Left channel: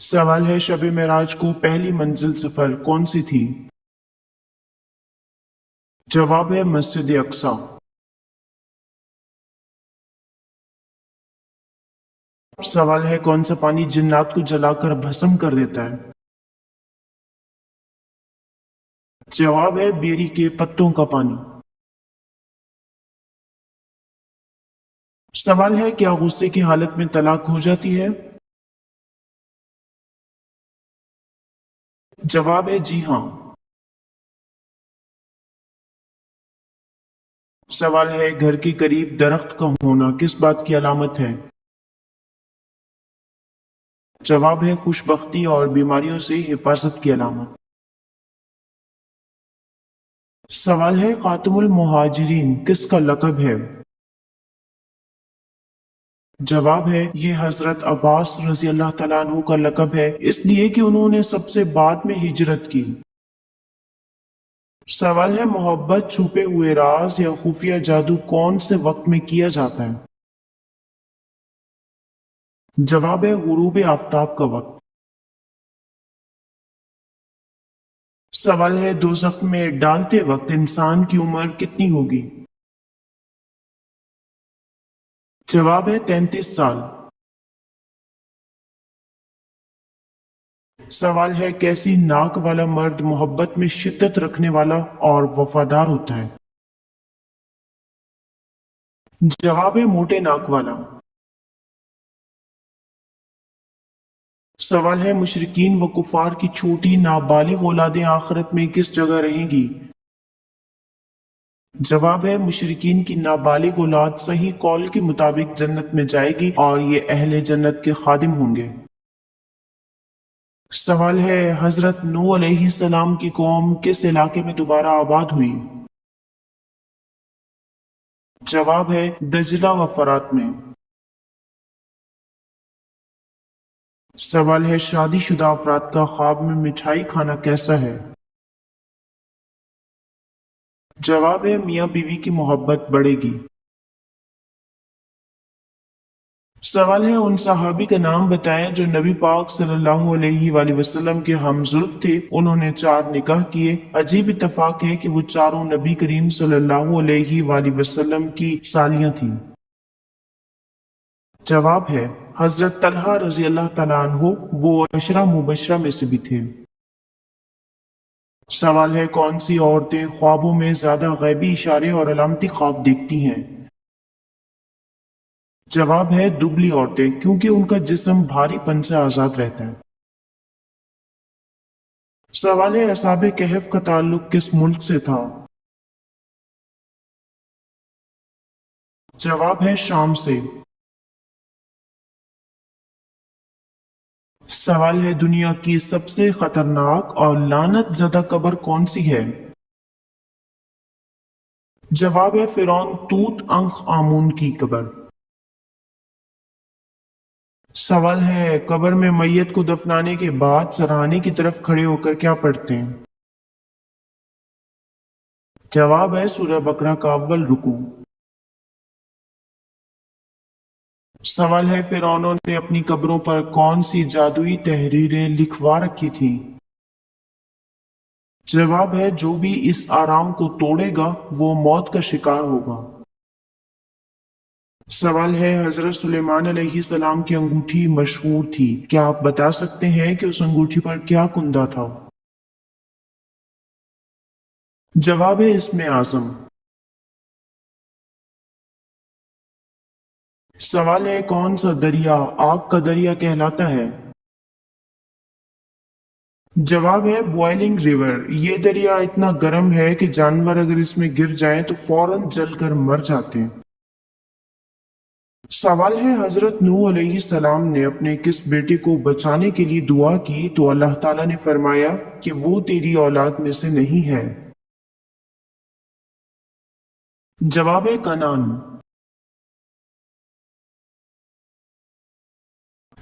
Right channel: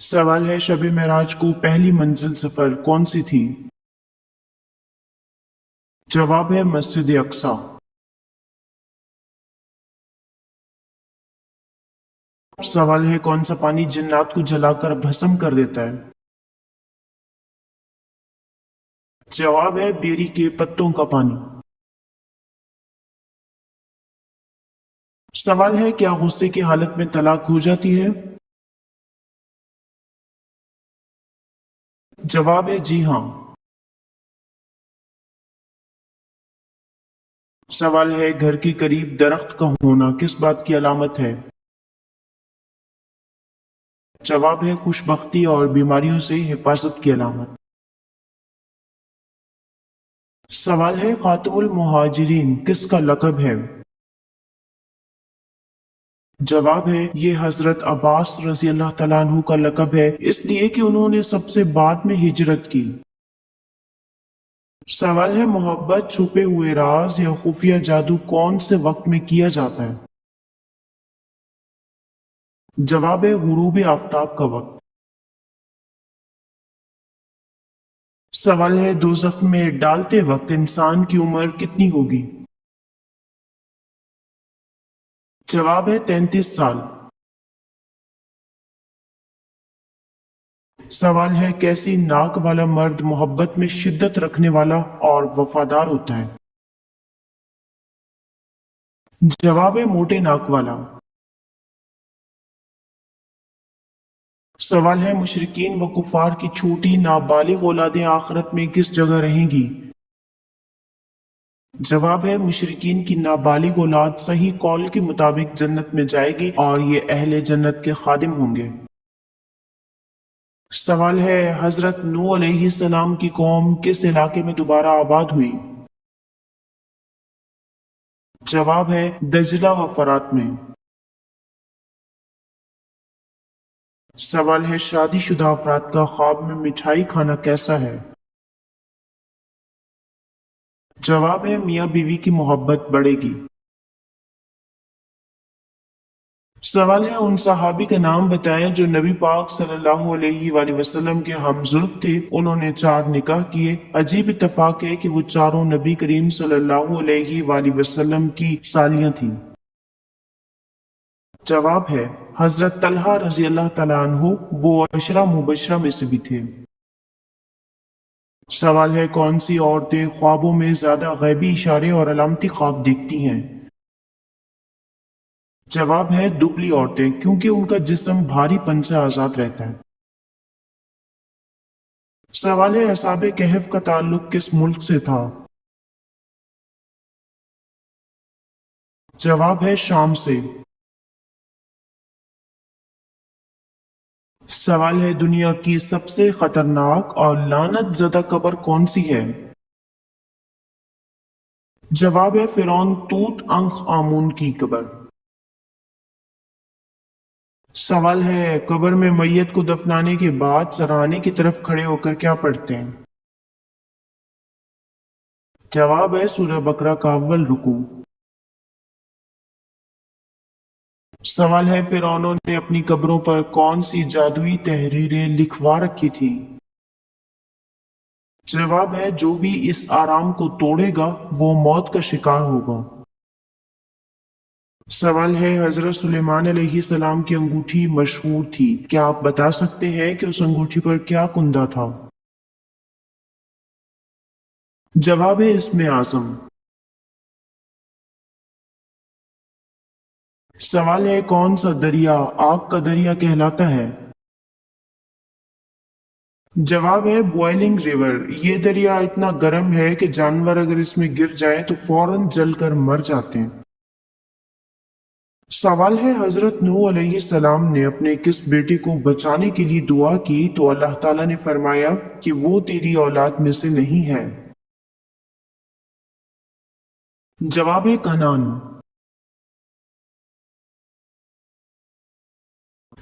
सवाल है शब मेराज को पहली मंजिल सफर कौन सी थी। जवाब है मस्जिद अक्सा। सवाल है कौन सा पानी जिन्नात को जलाकर भस्म कर देता है। जवाब है बेरी के पत्तों का पानी। सवाल है क्या गुस्से की हालत में तलाक हो जाती है। जवाब है जी हाँ। सवाल है घर के करीब दरख्त का होना किस बात की अलामत है। जवाब है खुशबख्ती और बीमारियों से हिफाजत की अलामत। सवाल है खातमुल मुहाजिरीन किसका लक़ब है। जवाब है ये हजरत अब्बास रजी अल्लाह तआला अन्हु का लक़ब है इसलिए कि उन्होंने सबसे बाद में हिजरत की। सवाल है मोहब्बत छुपे हुए राज या खुफिया जादू कौन से वक्त में किया जाता है। जवाब है गुरूब आफताब का वक्त। सवाल है दोज़ख में डालते वक्त इंसान की उम्र कितनी होगी। जवाब है 33 साल। सवाल है कैसी नाक वाला मर्द मोहब्बत में शिद्दत रखने वाला और वफादार होता है। जवाब है मोटे नाक वाला। सवाल है मुशरिकीन व कुफार की छोटी नाबालिग औलादें आखिरत में किस जगह रहेंगी। जवाब है मुशरिकीन की नाबालिग औलाद सही कौल के मुताबिक जन्नत में जाएगी और ये अहले जन्नत के खादिम होंगे। सवाल है हजरत नूह अलैहिस्सलाम की कौम किस इलाके में दोबारा आबाद हुई। जवाब है दजला व फरात में। सवाल है शादीशुदा अफराद का ख्वाब में मिठाई खाना कैसा है। जवाब है मियाँ बीवी की मोहब्बत बढ़ेगी। सवाल है उन सहाबी का नाम बताएं जो नबी पाक सल्लल्लाहु अलैहि वसल्लम के हमजुल्फ थे। उन्होंने 4 निकाह किए। अजीब इत्तेफाक है कि वो चारों नबी करीम सल्लल्लाहु अलैहि वसल्लम की सालियां थीं। जवाब है हजरत तलहा रजी अल्लाह तआला अन्हु वो अशरा मुबशरा में से भी थे। सवाल है कौन सी औरतें ख्वाबों में ज्यादा गैबी इशारे और अलामती ख्वाब देखती हैं। जवाब है दुबली औरतें क्योंकि उनका जिस्म भारीपन से आजाद रहता है। सवाल है असहाबे कहफ का ताल्लुक किस मुल्क से था। जवाब है शाम से। सवाल है दुनिया की सबसे खतरनाक और लानत ज़दा कब्र कौन सी है। जवाब है फिरौन तूत अंख आमून की कब्र। सवाल है कब्र में मैयत को दफनाने के बाद सराहने की तरफ खड़े होकर क्या पढ़ते हैं। जवाब है सूरह बकरा का अव्वल रुकू। सवाल है फिरौनों ने अपनी कब्रों पर कौन सी जादुई तहरीरें लिखवा रखी थी। जवाब है जो भी इस आराम को तोड़ेगा वो मौत का शिकार होगा। सवाल है हजरत सुलेमान अलैहिस्सलाम की अंगूठी मशहूर थी क्या आप बता सकते हैं कि उस अंगूठी पर क्या कुंदा था। जवाब है इसमें आजम। सवाल है कौन सा दरिया आग का दरिया कहलाता है। जवाब है बॉइलिंग रिवर। ये दरिया इतना गर्म है कि जानवर अगर इसमें गिर जाए तो फौरन जलकर मर जाते हैं। सवाल है हजरत नूह अलैहिस्सलाम ने अपने किस बेटे को बचाने के लिए दुआ की तो अल्लाह ताला ने फरमाया कि वो तेरी औलाद में से नहीं है। जवाब है कनान।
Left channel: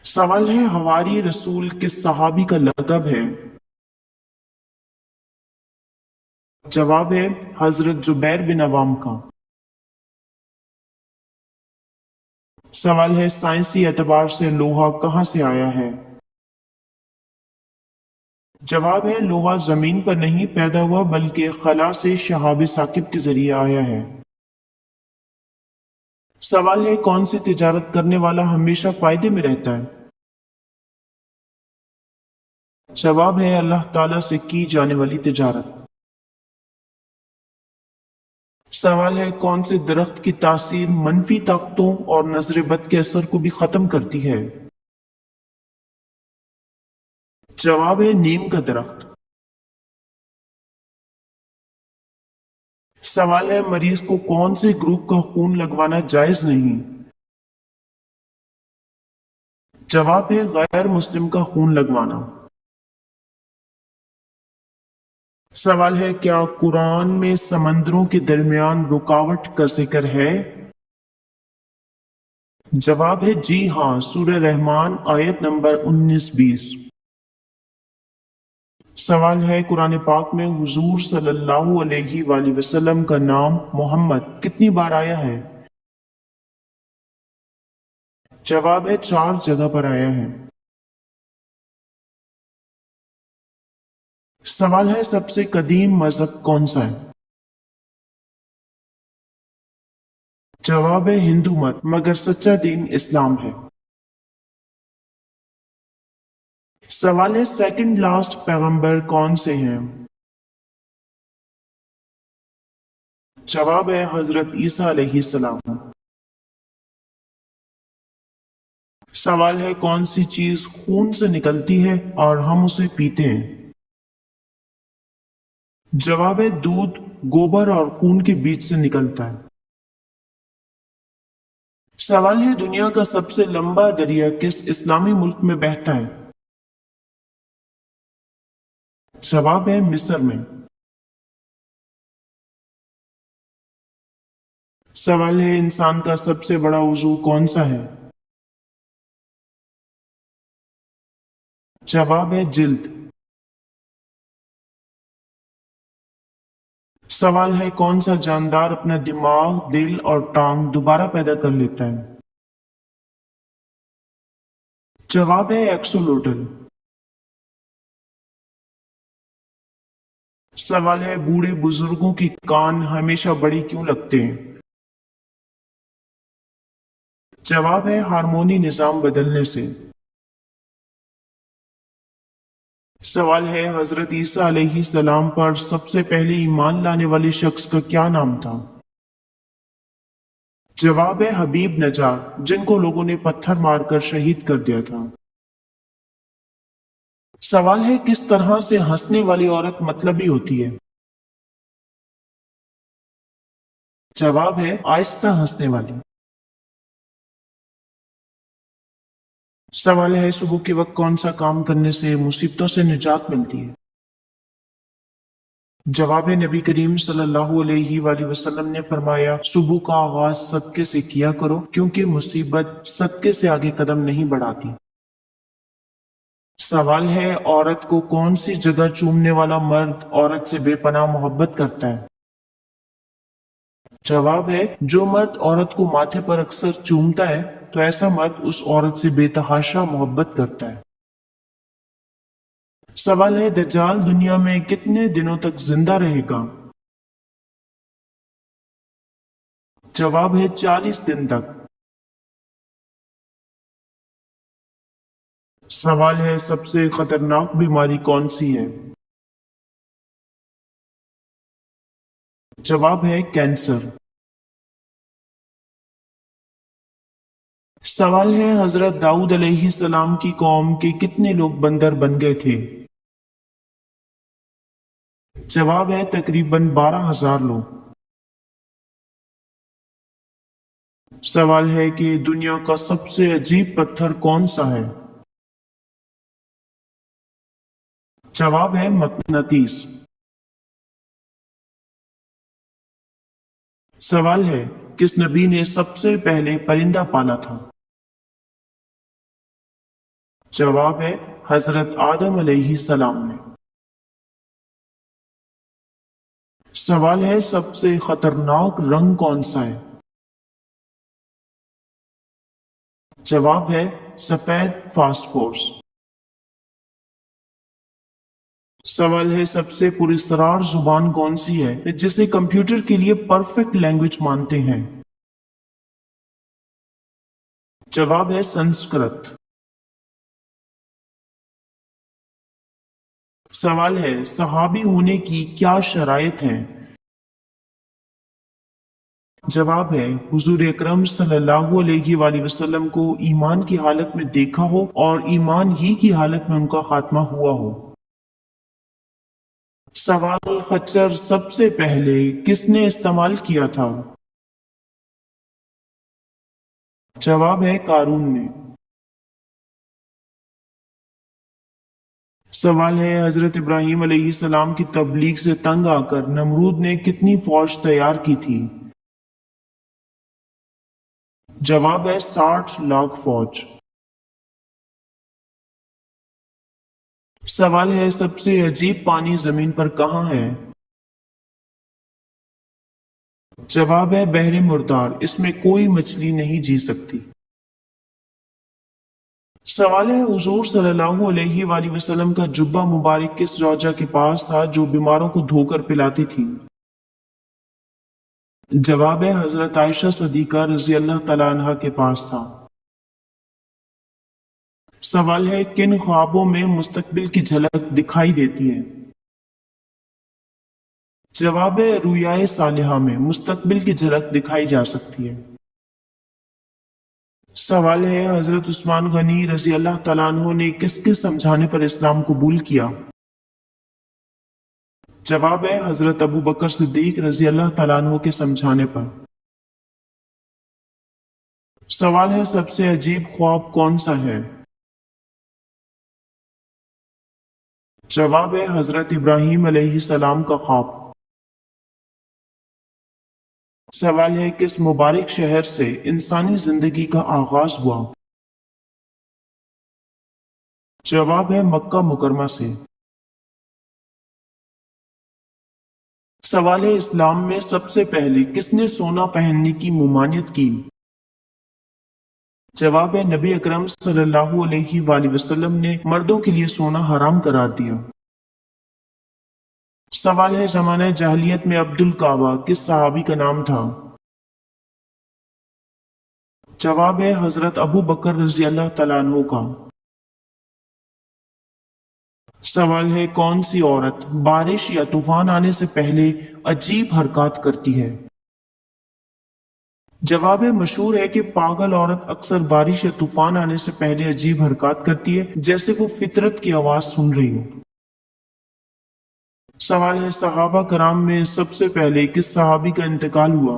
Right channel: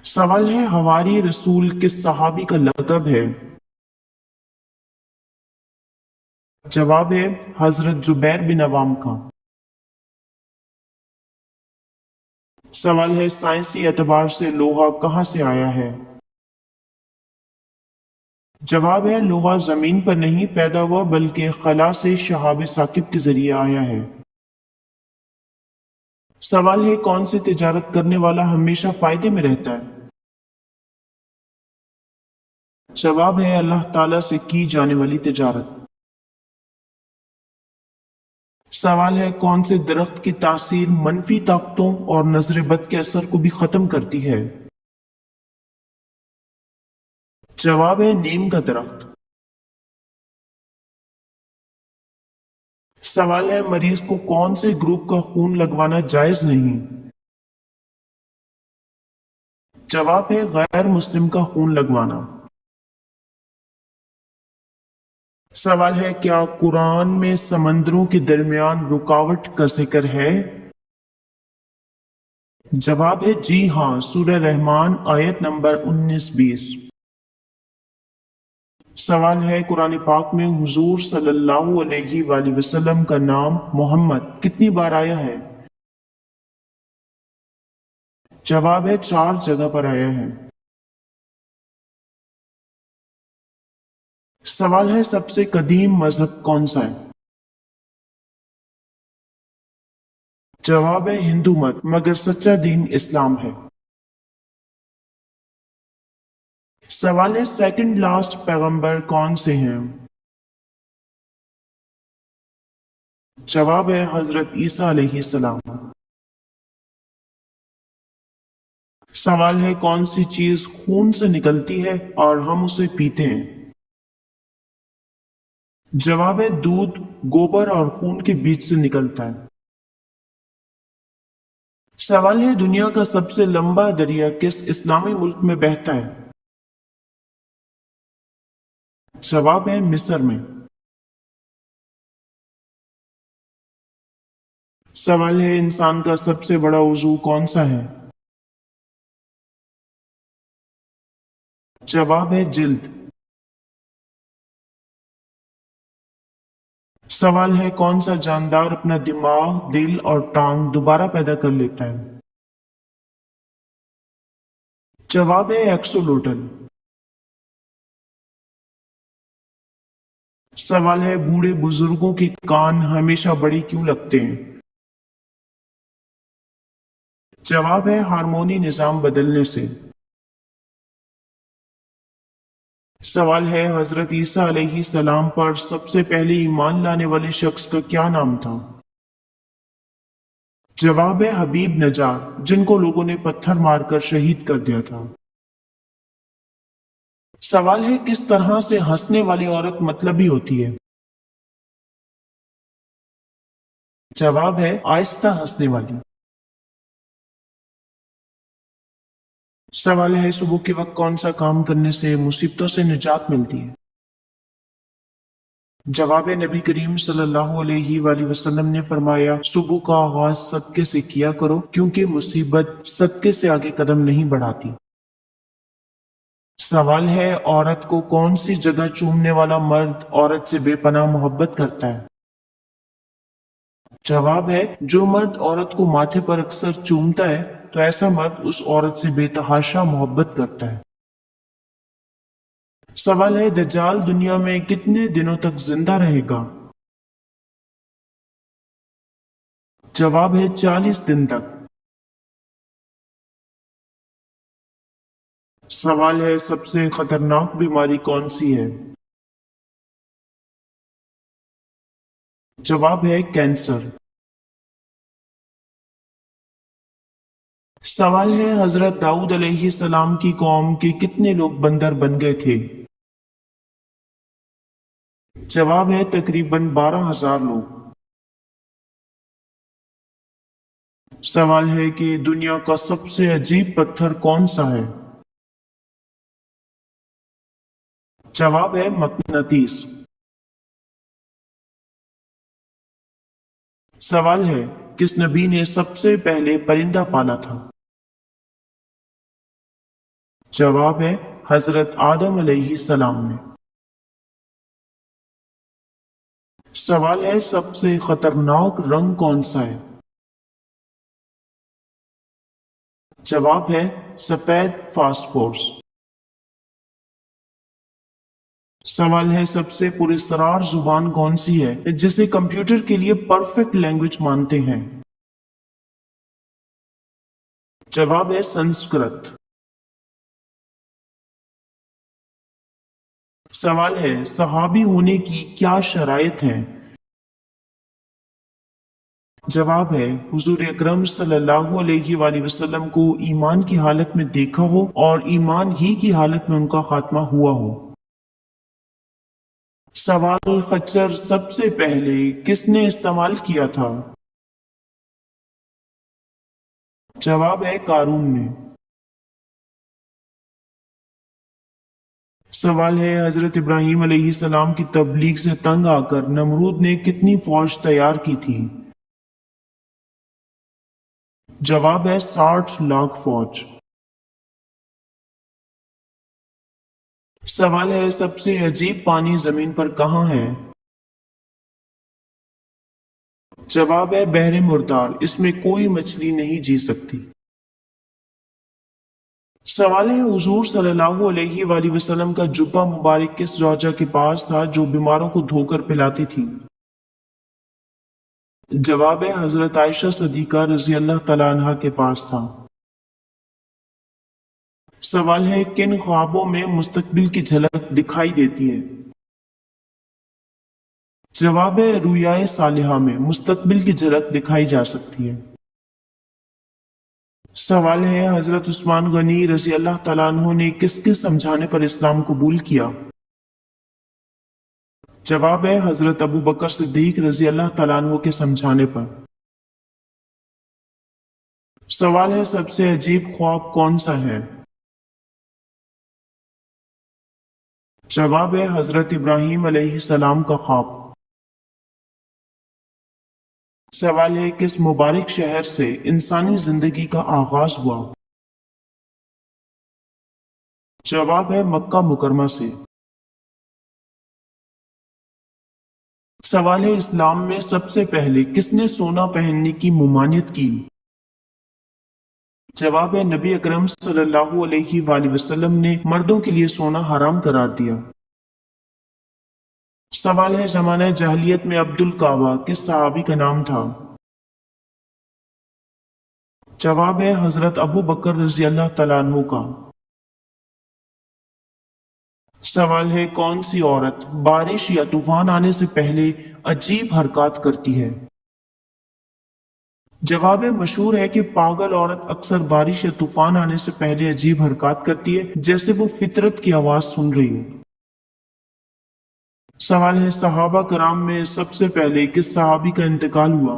सवाल है हवारी रसूल किस सहाबी का लक़ब है। जवाब है हजरत जुबैर बिन अवाम का। सवाल है साइंसी एतबार से लोहा कहाँ से आया है। جواب ہے لوہا زمین پر نہیں پیدا ہوا بلکہ خلا سے شہاب ثاقب کے ذریعے آیا ہے۔ سوال ہے کون سی تجارت کرنے والا ہمیشہ فائدے میں رہتا ہے؟ جواب ہے اللہ تعالیٰ سے کی جانے والی تجارت۔ سوال ہے کون سے درخت کی تاثیر منفی طاقتوں اور نظر بد کے اثر کو بھی ختم کرتی ہے؟ جواب ہے نیم کا درخت۔ سوال ہے مریض کو کون سے گروپ کا خون لگوانا جائز نہیں؟ جواب ہے غیر مسلم کا خون لگوانا۔ سوال ہے کیا قرآن میں سمندروں کے درمیان رکاوٹ کا ذکر ہے؟ جواب ہے جی ہاں، سورہ رحمان آیت نمبر 19-20۔ سوال ہے قرآن پاک میں حضور صلی اللہ علیہ وآلہ وسلم کا نام محمد کتنی بار آیا ہے؟ جواب ہے 4 جگہ پر آیا ہے۔ سوال ہے سب سے قدیم مذہب کون سا ہے؟ جواب ہے ہندو مت، مگر سچا دین اسلام ہے۔ سوال ہے سیکنڈ لاسٹ پیغمبر کون سے ہیں؟ جواب ہے حضرت عیسیٰ علیہ السلام۔ سوال ہے کون سی چیز خون سے نکلتی ہے اور ہم اسے پیتے ہیں؟ جواب ہے دودھ گوبر اور خون کے بیچ سے نکلتا ہے۔ سوال ہے دنیا کا سب سے لمبا دریا کس اسلامی ملک میں بہتا ہے؟ جواب ہے مصر میں۔ سوال ہے انسان کا سب سے بڑا عضو کون سا ہے؟ جواب ہے جلد۔ سوال ہے کون سا جاندار اپنا دماغ، دل اور ٹانگ دوبارہ پیدا کر لیتا ہے؟ جواب ہے ایکسولوٹل۔ سوال ہے بوڑھے بزرگوں کے کان ہمیشہ بڑے کیوں لگتے ہیں؟ جواب ہے ہارمونی نظام بدلنے سے۔ سوال ہے حضرت عیسیٰ علیہ السلام پر سب سے پہلے ایمان لانے والے شخص کا کیا نام تھا؟ جواب ہے حبیب نجار، جن کو لوگوں نے پتھر مار کر شہید کر دیا تھا۔ سوال ہے کس طرح سے ہنسنے والی عورت مطلبی ہوتی ہے؟ جواب ہے آہستہ ہنسنے والی۔ سوال ہے صبح کے وقت کون سا کام کرنے سے مصیبتوں سے نجات ملتی ہے؟ جواب نبی کریم صلی اللہ علیہ وآلہ وسلم نے فرمایا صبح کا آغاز صدقے سے کیا کرو کیونکہ مصیبت صدقے سے آگے قدم نہیں بڑھاتی۔ سوال ہے عورت کو کون سی جگہ چومنے والا مرد عورت سے بے پناہ محبت کرتا ہے؟ جواب ہے جو مرد عورت کو ماتھے پر اکثر چومتا ہے تو ایسا مرد اس عورت سے بے تحاشا محبت کرتا ہے۔ سوال ہے دجال دنیا میں کتنے دنوں تک زندہ رہے گا؟ جواب ہے 40 دن تک۔ سوال ہے سب سے خطرناک بیماری کون سی ہے؟ جواب ہے کینسر۔ سوال ہے حضرت داؤد علیہ السلام کی قوم کے کتنے لوگ بندر بن گئے تھے؟ جواب ہے تقریباً 12,000 لوگ۔ سوال ہے کہ دنیا کا سب سے عجیب پتھر کون سا ہے؟ جواب ہے مقناطیس۔ سوال ہے کس نبی نے سب سے پہلے پرندہ پالا تھا؟ جواب ہے حضرت آدم علیہ السلام نے۔ سوال ہے سب سے خطرناک رنگ کون سا ہے؟ جواب ہے سفید فاسفورس۔ सवाल है सबसे पुरस्कार जुबान कौन सी है जिसे कंप्यूटर के लिए परफेक्ट लैंग्वेज मानते हैं? जवाब है संस्कृत। सवाल है सहाबी होने की क्या शराइत है? जवाब है हुजूर अकरम सल्लल्लाहु अलैहि वसल्लम को ईमान की हालत में देखा हो और ईमान ही की हालत में उनका खात्मा हुआ हो। सवाल खच्चर सबसे पहले किसने इस्तेमाल किया था? जवाब है कारून ने। सवाल है हजरत इब्राहिम अलैहिस्सलाम की तबलीग से तंग आकर नमरूद ने कितनी फौज तैयार की थी? जवाब है 60 लाख फौज। सवाल है सबसे अजीब पानी जमीन पर कहाँ है? जवाब है बहरे मुर्दार, इसमें कोई मछली नहीं जी सकती। सवाल है हुजूर सल्लल्लाहु अलैहि वसल्लम का जुब्बा मुबारक किस जौजा के पास था जो बीमारों को धोकर पिलाती थी? जवाब है हजरत आयशा सदीका रजी अल्लाह तआला अन्हा के पास था। सवाल है किन ख्वाबों में मुस्तकबिल की झलक दिखाई देती है? जवाब है रुयाए सालिहा में मुस्तकबिल की झलक दिखाई जा सकती है। सवाल है हजरत उस्मान गनी रजी अल्लाह तआला अन्हु ने किसके समझाने पर इस्लाम कबूल किया? जवाब है हजरत अबू बकर सिद्दीक रजी अल्लाह तआला अन्हु के समझाने पर। सवाल है सबसे अजीब ख्वाब कौन सा है? जवाब है हजरत इब्राहिम अलैहिस्सलाम का ख्वाब। सवाल है किस मुबारक शहर से इंसानी जिंदगी का आगाज हुआ? जवाब है मक्का मुकरमा से। सवाल है इस्लाम में सबसे पहले किसने सोना पहनने की मुमानियत की? जवाब है नबी अकरम सल्लल्लाहु अलैहि वसल्लम ने मर्दों के लिए सोना हराम करार दिया। सवाल है जमाने जाहिलियत में अब्दुल काबा किस सहाबी का नाम था? जवाब है हजरत अबू बकर रजी अल्लाह तआला अन्हु का। सवाल है कौन सी औरत बारिश या तूफान आने से पहले अजीब हरकत करती है? जवाब है मशहूर है कि पागल औरत अक्सर बारिश या तूफान आने से पहले अजीब हरकत करती है जैसे वो फितरत की आवाज सुन रही हो। सवाल है सहाबा कराम में सबसे पहले किस सहाबी का इंतकाल हुआ?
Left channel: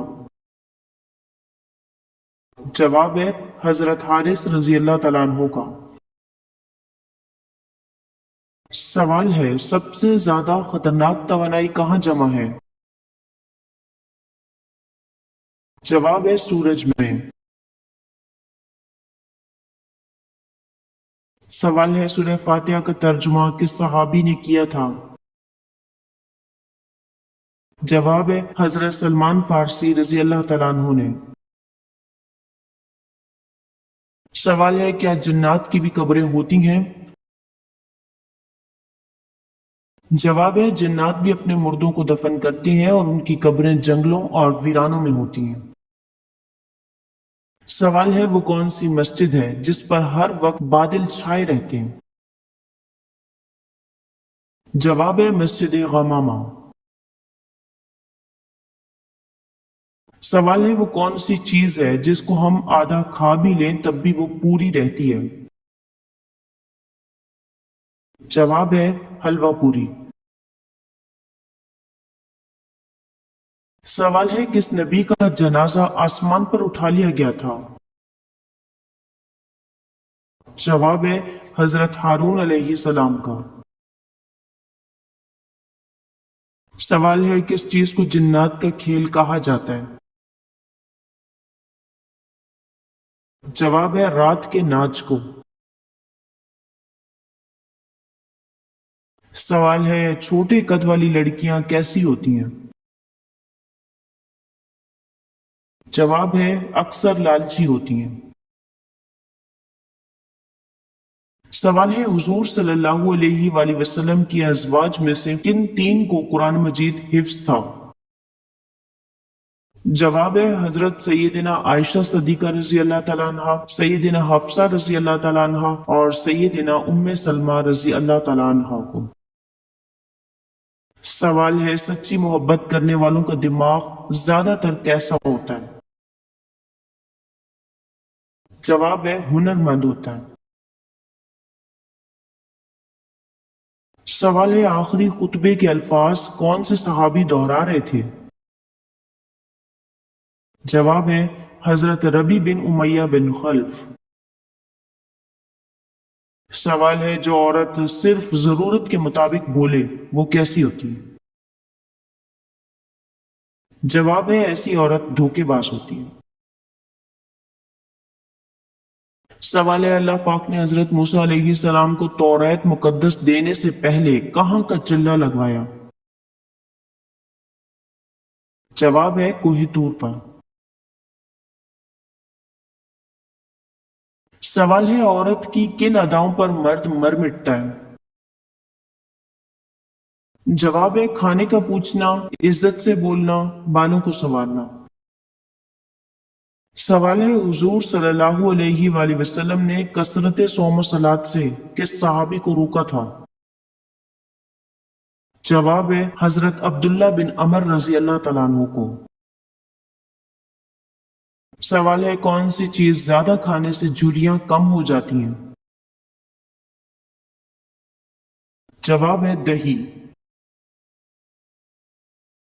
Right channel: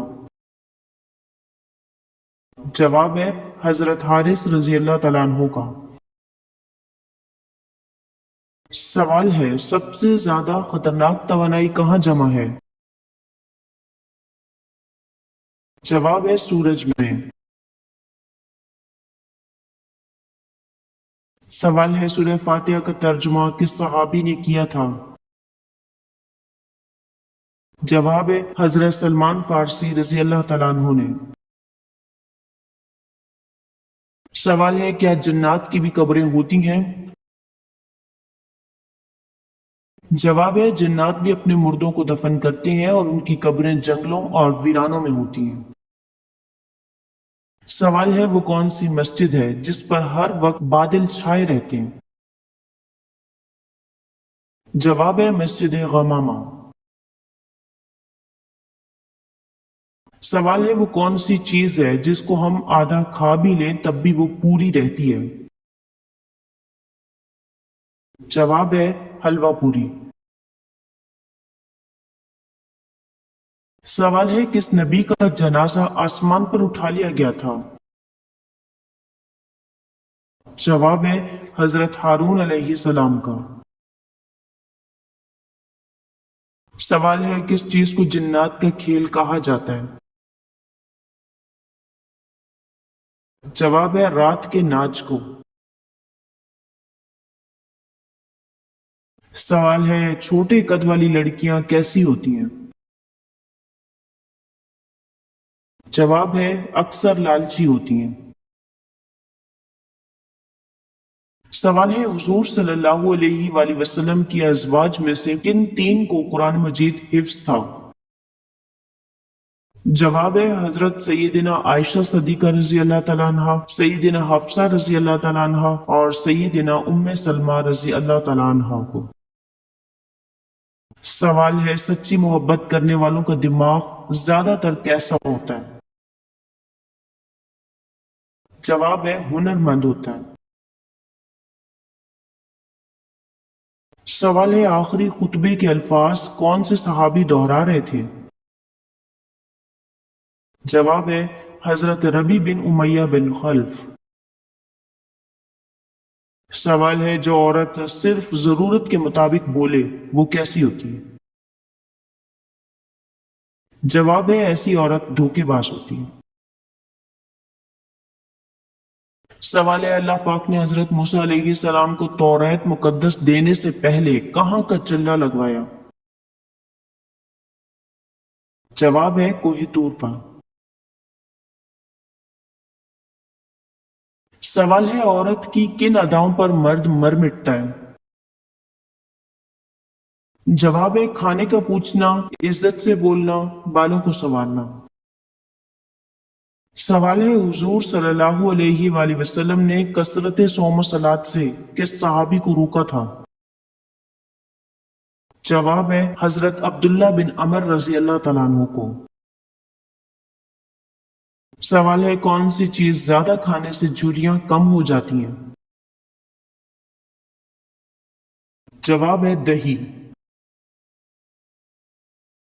जवाब है हजरत हारिस रजी अल्लाह तआला अन्हु का। सवाल है सबसे ज्यादा खतरनाक तवानाई कहाँ जमा है? जवाब है सूरज में। सवाल है सूरह फातिहा का तर्जुमा किस सहाबी ने किया था? जवाब है हजरत सलमान फारसी रजी अल्लाह तआला अन्हु ने। सवाल है क्या जन्नात की भी कब्रें होती हैं? जवाब है जन्नात भी अपने मुर्दों को दफन करते हैं और उनकी कब्रें जंगलों और वीरानों में होती हैं। सवाल है वो कौन सी मस्जिद है जिस पर हर वक्त बादल छाए रहते हैं? जवाब है मस्जिद गमामा। सवाल है वो कौन सी चीज है जिसको हम आधा खा भी लें तब भी वो पूरी रहती है? जवाब है हलवा पूरी। सवाल है किस नबी का जनाजा आसमान पर उठा लिया गया था? जवाब है हजरत हारून अलैहिस्सलाम का। सवाल है किस चीज को जिन्नात का खेल कहा जाता है? जवाब है रात के नाच को। सवाल है छोटे कद वाली लड़कियां कैसी होती हैं? जवाब है अक्सर लालची होती हैं। سوال ہے حضور صلی اللہ علیہ وآلہ وسلم کی ازواج میں سے کن تین کو قرآن مجید حفظ تھا؟ جواب ہے حضرت سیدنا عائشہ صدیقہ رضی اللہ تعالیٰ عنہ، سیدنا حفصہ رضی اللہ تعالیٰ عنہ اور سیدنا ام سلمہ رضی اللہ تعالیٰ عنہ کو۔ سوال ہے سچی محبت کرنے والوں کا دماغ زیادہ تر کیسا ہوتا ہے؟ جواب ہے ہنر مند ہوتا ہے۔ سوال ہے آخری خطبے کے الفاظ کون سے صحابی دہرا رہے تھے؟ جواب ہے حضرت ربی بن امیہ بن خلف۔ سوال ہے جو عورت صرف ضرورت کے مطابق بولے وہ کیسی ہوتی ہے؟ جواب ہے ایسی عورت دھوکے باز ہوتی ہے۔ سوال ہے اللہ پاک نے حضرت موسیٰ علیہ السلام کو توریت مقدس دینے سے پہلے کہاں کا چلہ لگوایا؟ جواب ہے کوہ طور پر۔ سوال ہے عورت کی کن اداؤں پر مرد مر مٹتا ہے؟ جواب ہے کھانے کا پوچھنا، عزت سے بولنا، بالوں کو سنوارنا۔ سوال ہے حضور صلی اللہ علیہ وآلہ وسلم نے کثرت صوم و صلات سے کس صحابی کو روکا تھا؟ جواب ہے حضرت عبداللہ بن عمر رضی اللہ تعالیٰ عنہ کو۔ سوال ہے کون سی چیز زیادہ کھانے سے جھریاں کم ہو جاتی ہیں؟ جواب ہے دہی۔